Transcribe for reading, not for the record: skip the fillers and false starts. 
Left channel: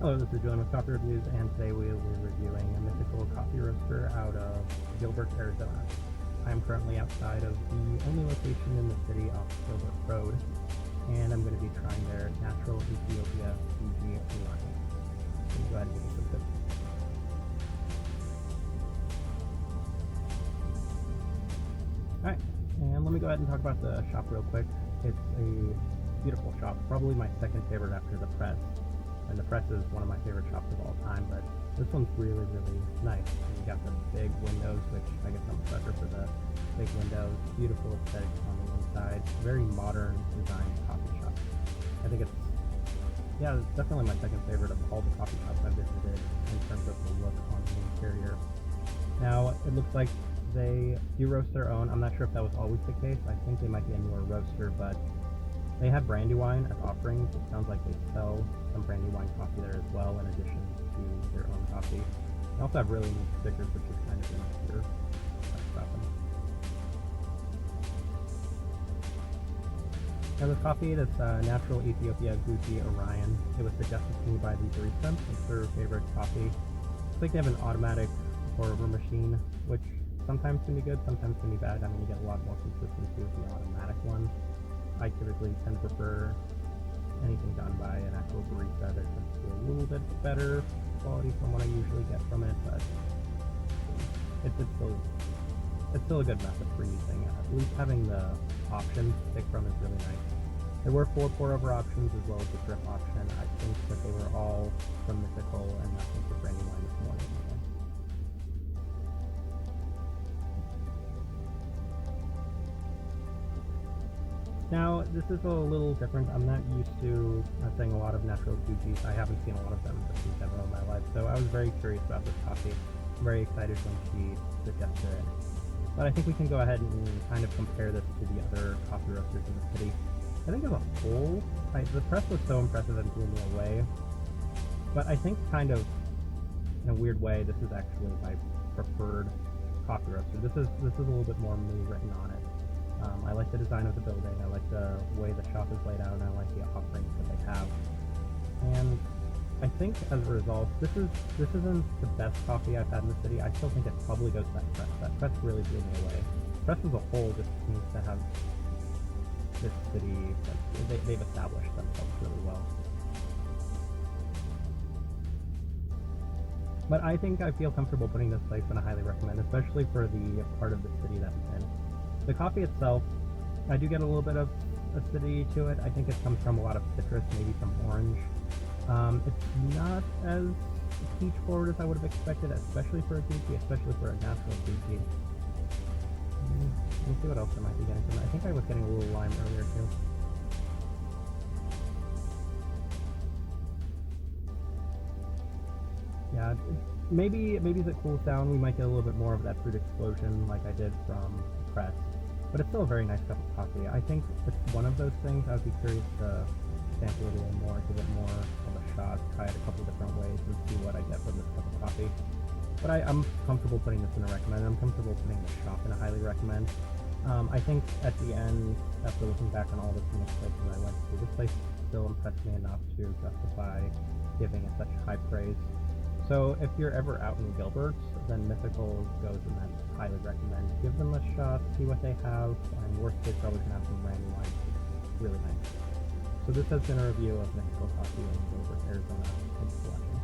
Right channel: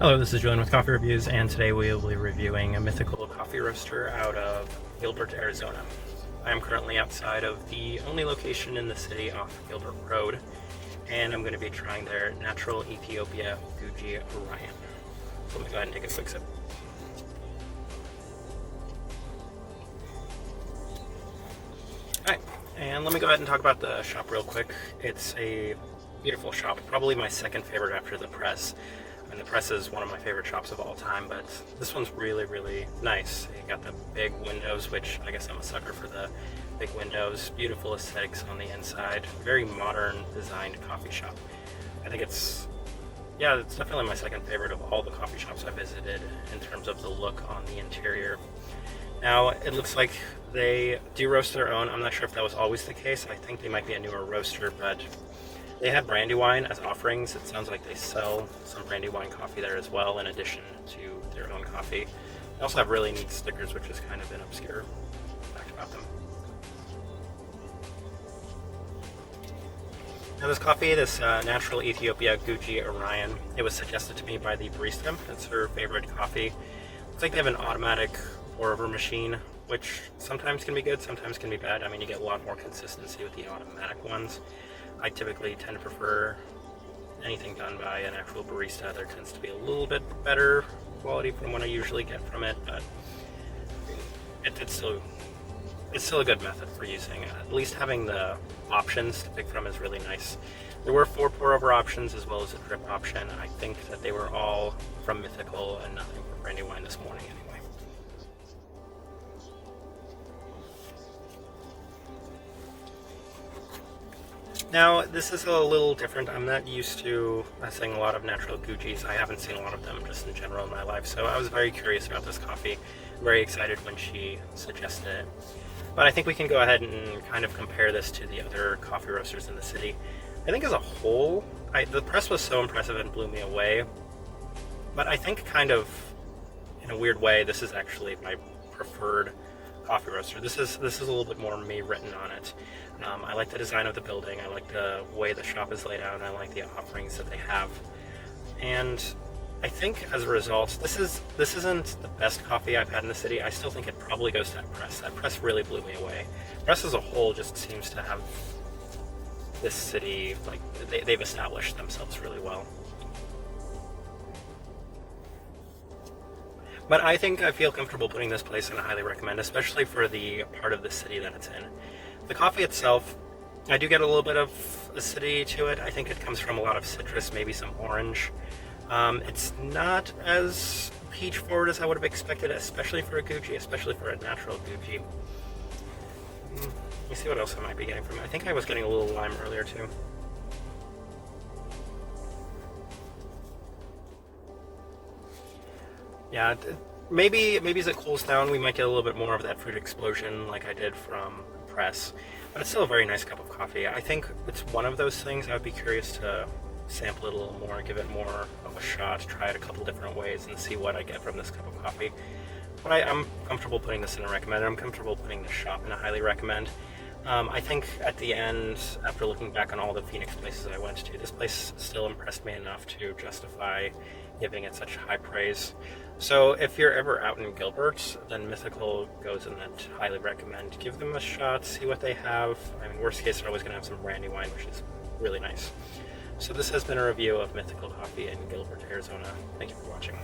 Hello, this is Julian with Coffee Reviews, and today we will be reviewing a Mythical coffee roaster out of Gilbert, Arizona. I am currently outside of the only location in the city off Gilbert Road, and I'm going to be trying their natural Ethiopia Guji Orion. So let me go ahead and take a quick sip. Alright, and let me go ahead and talk about the shop real quick. It's a beautiful shop, probably my second favorite after the press. And the press is one of my favorite shops of all time, but this one's really, really nice. You got the big windows, which I guess I'm a sucker for the big windows. Beautiful aesthetics on the inside. Very modern designed coffee shop. I think it's definitely my second favorite of all the coffee shops I visited in terms of the look on the interior. Now, it looks like they do roast their own. I'm not sure if that was always the case. I think they might be a newer roaster, but they had Brandywine as offerings. It sounds like they sell some Brandywine coffee there as well, in addition to their own coffee. They also have really neat stickers, which is kind of an obscure fact about them. Now this coffee, this natural Ethiopia Guji Orion, it was suggested to me by the barista. It's her favorite coffee. Looks like they have an automatic pour-over machine, which sometimes can be good, sometimes can be bad. I mean, you get a lot more consistency with the automatic ones. I typically tend to prefer anything done by an actual barista. There tends to be a little bit better quality from what I usually get from it, but it's still a good method for using. At least having the options to pick from is really nice. There were 4 pour-over options as well as a drip option. I think that they were all from Mythical and nothing from Brandywine this morning anyway. Now, this is a little different. I'm not used to seeing a lot of natural Gujis. I haven't seen a lot of them just in general in my life, so I was very curious about this coffee. I'm very excited when she suggested it. But I think we can go ahead and kind of compare this to the other coffee roasters in the city. I think as a whole, the press was so impressive and blew me away. But I think kind of, in a weird way, this is actually my preferred coffee roaster. This is a little bit more me written on it. I like the design of the building, I like the way the shop is laid out, and I like the offerings that they have. And I think as a result, this isn't the best coffee I've had in the city. I still think it probably goes to that press. That press really blew me away. Press as a whole just seems to have this city, like, they've established themselves really well. But I think I feel comfortable putting this place in a highly recommend, especially for the part of the city that it's in. The coffee itself, I do get a little bit of acidity to it. I think it comes from a lot of citrus, maybe some orange. It's not as peach forward as I would have expected, especially for a Guji, especially for a natural Guji. Let me see what else I might be getting from it. I think I was getting a little lime earlier too. Yeah, maybe as it cools down, we might get a little bit more of that fruit explosion like I did from press, but it's still a very nice cup of coffee. I think it's one of those things I would be curious to sample it a little more, give it more of a shot, try it a couple different ways and see what I get from this cup of coffee. But I'm comfortable putting this in a recommend. I'm comfortable putting the shop in a highly recommend. I think at the end, after looking back on all the Phoenix places I went to, this place still impressed me enough to justify giving it such high praise. So if you're ever out in Gilbert, then Mythical goes in that highly recommend. Give them a shot, see what they have. I mean, worst case, they're always going to have some Brandywine, which is really nice. So this has been a review of Mythical Coffee in Gilbert, Arizona. Thank you for watching.